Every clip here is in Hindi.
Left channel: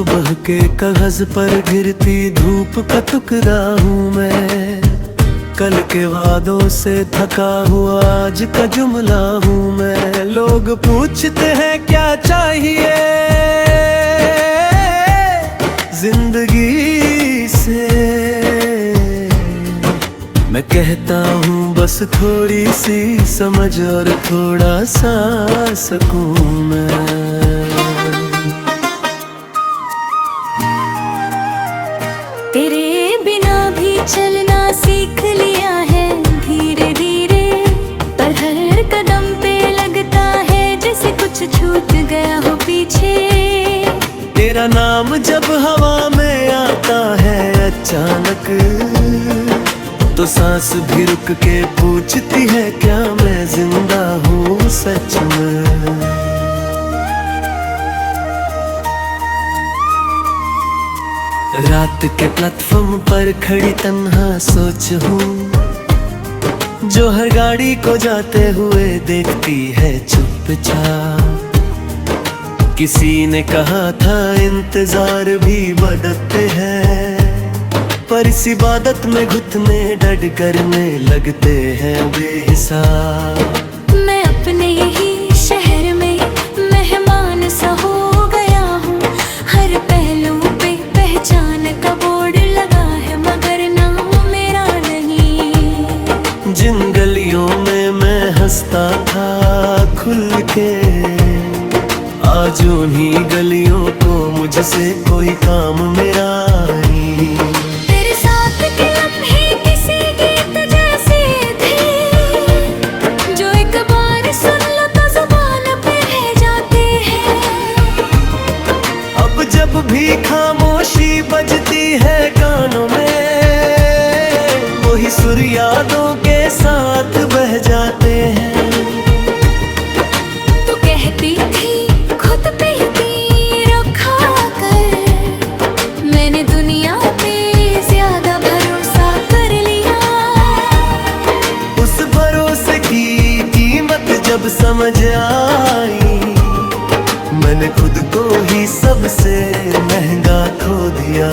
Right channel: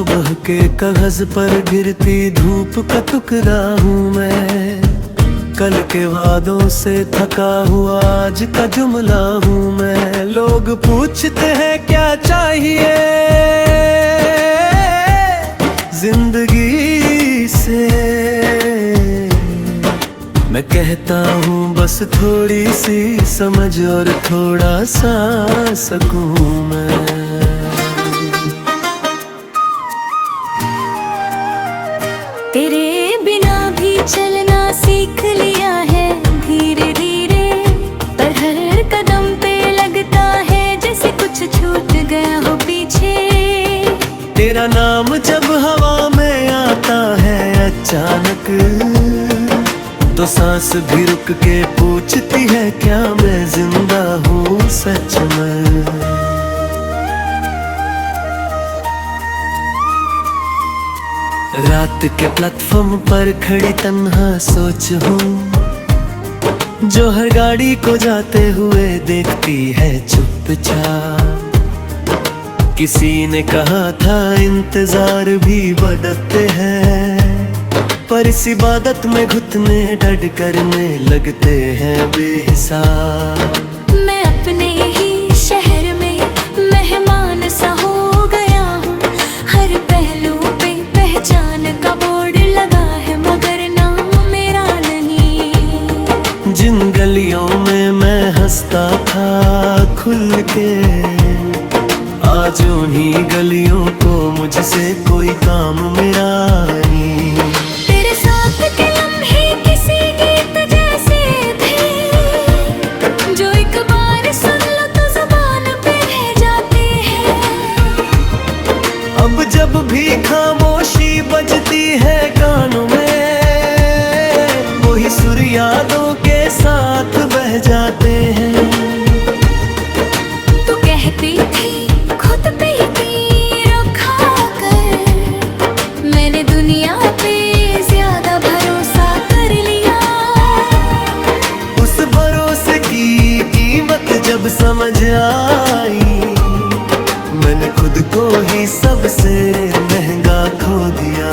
सुबह के कागज पर गिरती धूप का टुकड़ा हूँ मैं। कल के वादों से थका हुआ आज का जुमला हूँ मैं। लोग पूछते हैं क्या चाहिए जिंदगी से, मैं कहता हूँ बस थोड़ी सी समझ और थोड़ा सा सकून मैं। तेरे बिना भी चलना सीख लिया है धीरे धीरे, पर हर कदम पे लगता है जैसे कुछ छूट गया हो पीछे। तेरा नाम जब हवा में आता है अचानक, तो सांस भी रुक के पूछती है क्या मैं जिंदा हूँ सच में। रात के प्लेटफॉर्म पर खड़ी तन्हा सोच हूँ, जो हर गाड़ी को जाते हुए देखती है चुपचाप। किसी ने कहा था इंतजार भी बढ़ते हैं, पर इस इबादत में घुटने डट करने लगते हैं बेहिसाब। मैं अपने ही शहर में मेहमान सा हो गया हूँ, हर पहलू पे पहचान का बोर्ड लगा है मगर नाम मेरा नहीं। जिन गलियों में मैं हंसता था खुल के, आज उन्हीं गलियों को मुझसे कोई काम मेरा नहीं। तेरे साथ के लम्हे किसी गीत जैसे थे, जो एक बार सुन लो तो जुबान पे रह जाते हैं। अब जब भी खामोशी बजती है कानों में, वही सुर यादों के साथ बह जाते हैं। तू कहती थी खुद पे यकीन रखा कर, मैंने दुनिया पे ज्यादा भरोसा कर लिया। उस भरोसे की कीमत जब समझ आई, मैंने खुद को ही सबसे महंगा खो दिया।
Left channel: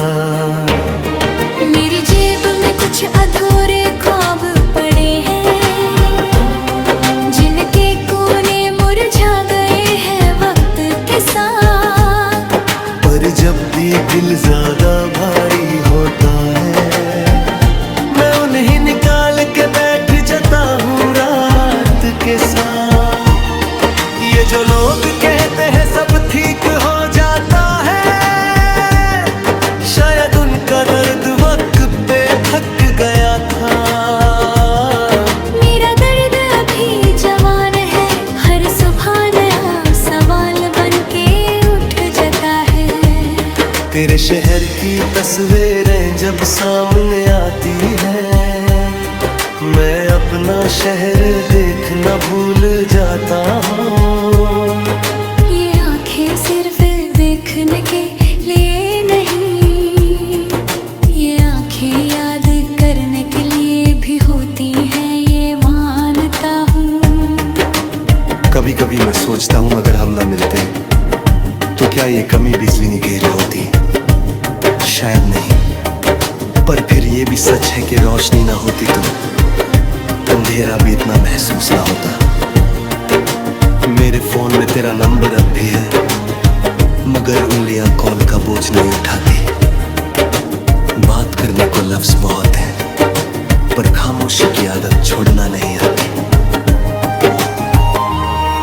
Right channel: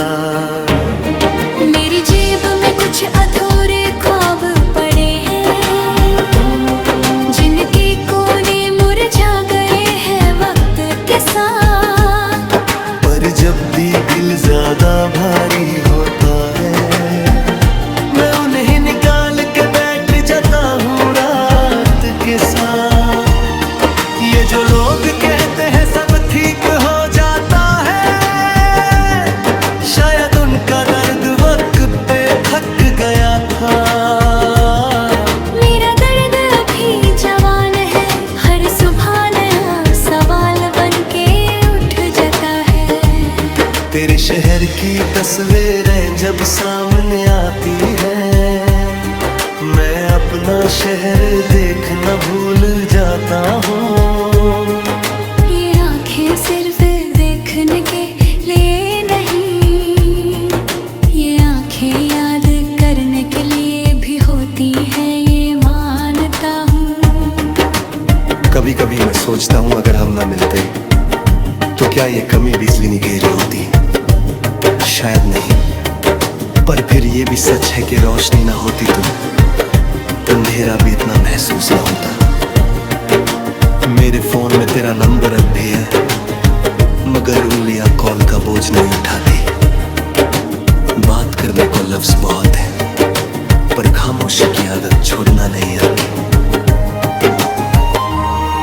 मेरी जेब में कुछ अधूरे ख्वाब पड़े हैं, जिनके कोने मुरझा गए हैं वक्त के साथ। पर जब भी दिल ज्यादा भारी होता है, मैं उन्हें निकाल के बैठ जाता हूँ रात के साथ। ये जो लोग कहते हैं सब ठीक हो जाता है, शायद उनका दर्द वक्त पे थक गया था। मेरा दर्द अभी जवान है, हर सुबह नया सवाल बनके उठ जाता है। तेरे शहर की तस्वीरें जब सामने आती है, मैं अपना शहर देखना भूल जाता हूँ। ये आँखें सिर्फ देखने के लिए नहीं, ये आँखें याद करने के लिए भी होती हैं, ये मानता हूँ। कभी कभी मैं सोचता हूँ अगर हम ना मिलते तो क्या ये कमी बिजली नहीं घेरी होती। शायद नहीं, पर फिर ये भी सच है कि रोशनी ना होती तो अंधेरा भी इतना महसूस ना होता। मेरे फोन में तेरा नंबर अब भी है, मगर उंगलियां कॉल का बोझ नहीं उठाती। बात करने को लफ्ज बहुत है, पर खामोशी की आदत छोड़ना नहीं आती।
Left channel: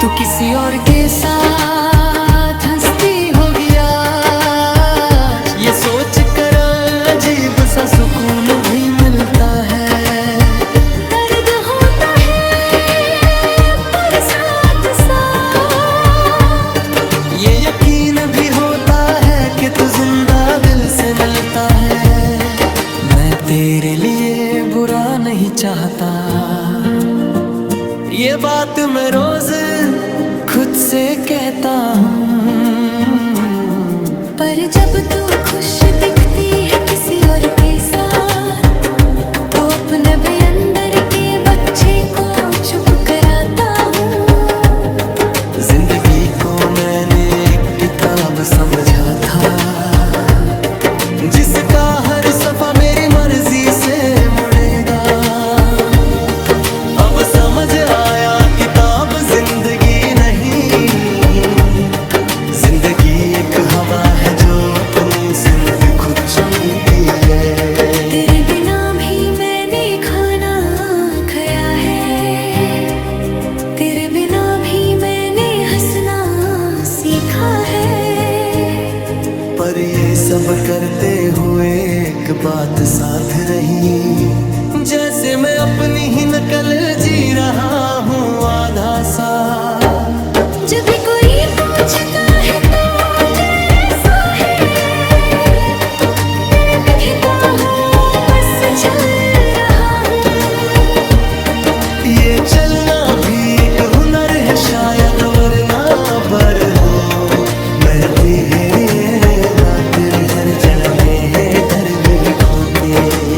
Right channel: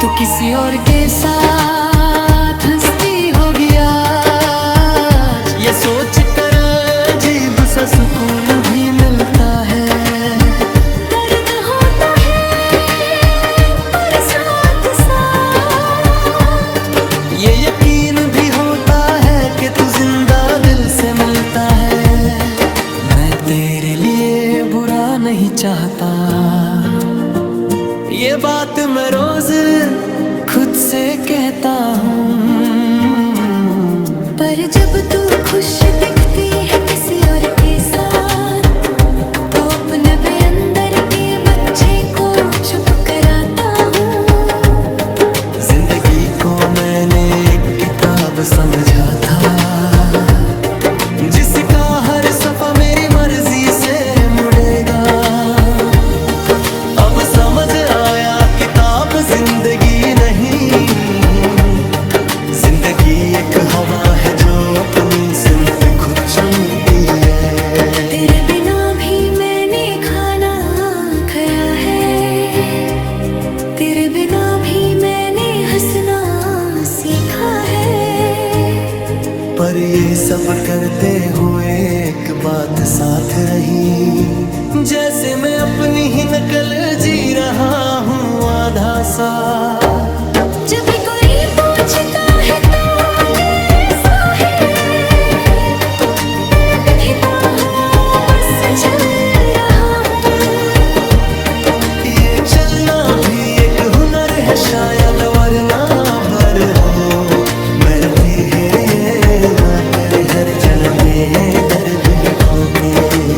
तू किसी और के साथ हंसती होगी आज, ये सोच कर अजीब सा सुकून भी मिलता है। दर्द होता है पर साथ साथ ये यकीन भी होता है कि तू जिंदा दिल से मिलता है। मैं तेरे लिए बुरा नहीं चाहता, ये बात मैं रोज खुद से कहता हूँ। पर जब तू खुश दिखती है किसी और के साथ, तो अपने भी अंदर के बच्चे को चुप कराता हूँ। जिंदगी को मैंने एक किताब समझा था, जिसका हर सफा मेरी मर्जी से मुड़ेगा। अब समझ आया किताब जिंदगी नहीं, जिंदगी एक हवा है जो अपनी सिमत खुद चलती है। तेरे बिना भी मैंने खाना खाया है, तेरे बिना भी मैंने हंसना सीखा है। पर ये सब करते हुए एक बात साथ रही, जैसे मैं अपनी ही नकल जी रहा हूँ आधा सा। जब भी कोई पूछता है तो कैसा है, दिखता हूँ बस चल रहा हूँ। ये चलना भी एक हुनर है शायद, वरना बर हो महती है ये ना तेरे हर जनते हैं दर्द में खोके।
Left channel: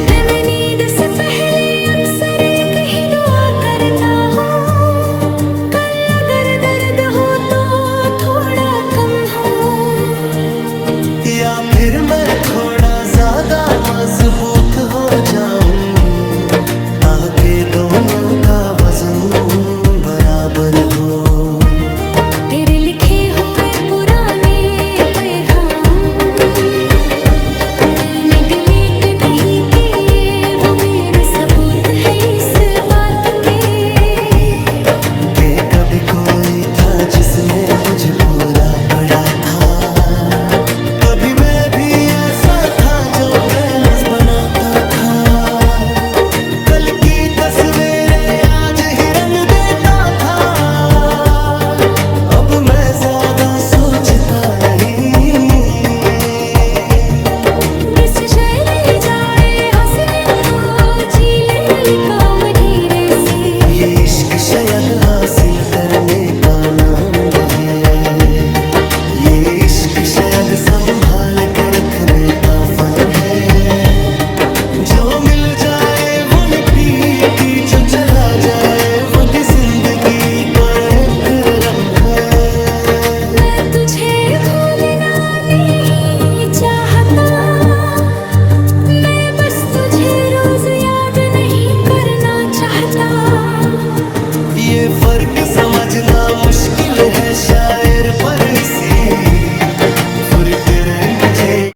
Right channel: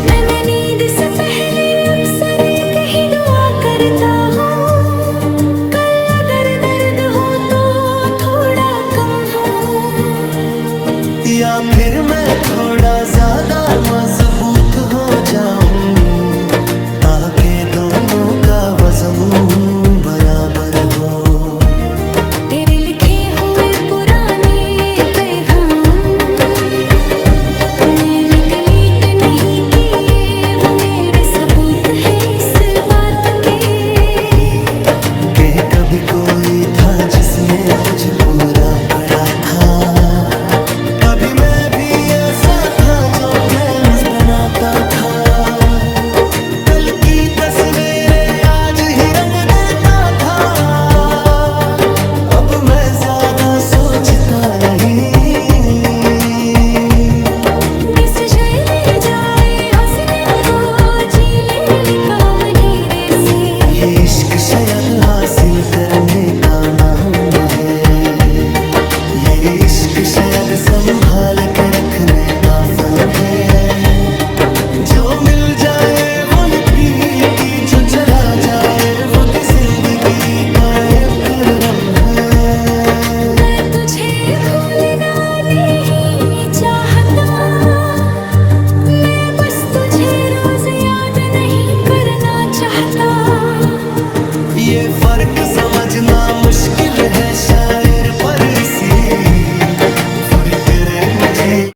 मैं नींद से पहले अक्सर एक ही दुआ करता हूँ, कल अगर दर्द हो तो थोड़ा कम हो, या फिर मैं थोड़ा ज्यादा मजबूत हो जाऊं, ताकि दोनों का वजन बराबर हो। तेरे लिखे हुए पुराने पैगाम मैंने डिलीट नहीं किए, वो मेरे सबूत है इस बात के कि कभी कोई था जिसने मुझे पूरा पढ़ा था। कभी मैं भी ऐसा था जो प्लान्स बनाता था, कल की तस्वीरें आज ही रंग देता था। अब मैं ज्यादा सोचता नहीं, किस जाए ले जाए हंसने को, जी ले काम धीरे से। ये इश्क शायद हासिल करने का नाम है, ये इश्क शायद संभाल के रखने का फन है। जो मिल जाए वो निपीती, जो चला जाए वो भी जिंदगी का एक रम है। मैं तुझे भूलना नहीं चाहता, मैं बस तुझे रोज याद नहीं करना चाहता। ये फर्क समझना मुश्किल है शायर पर, इसी फर्क रे मुझे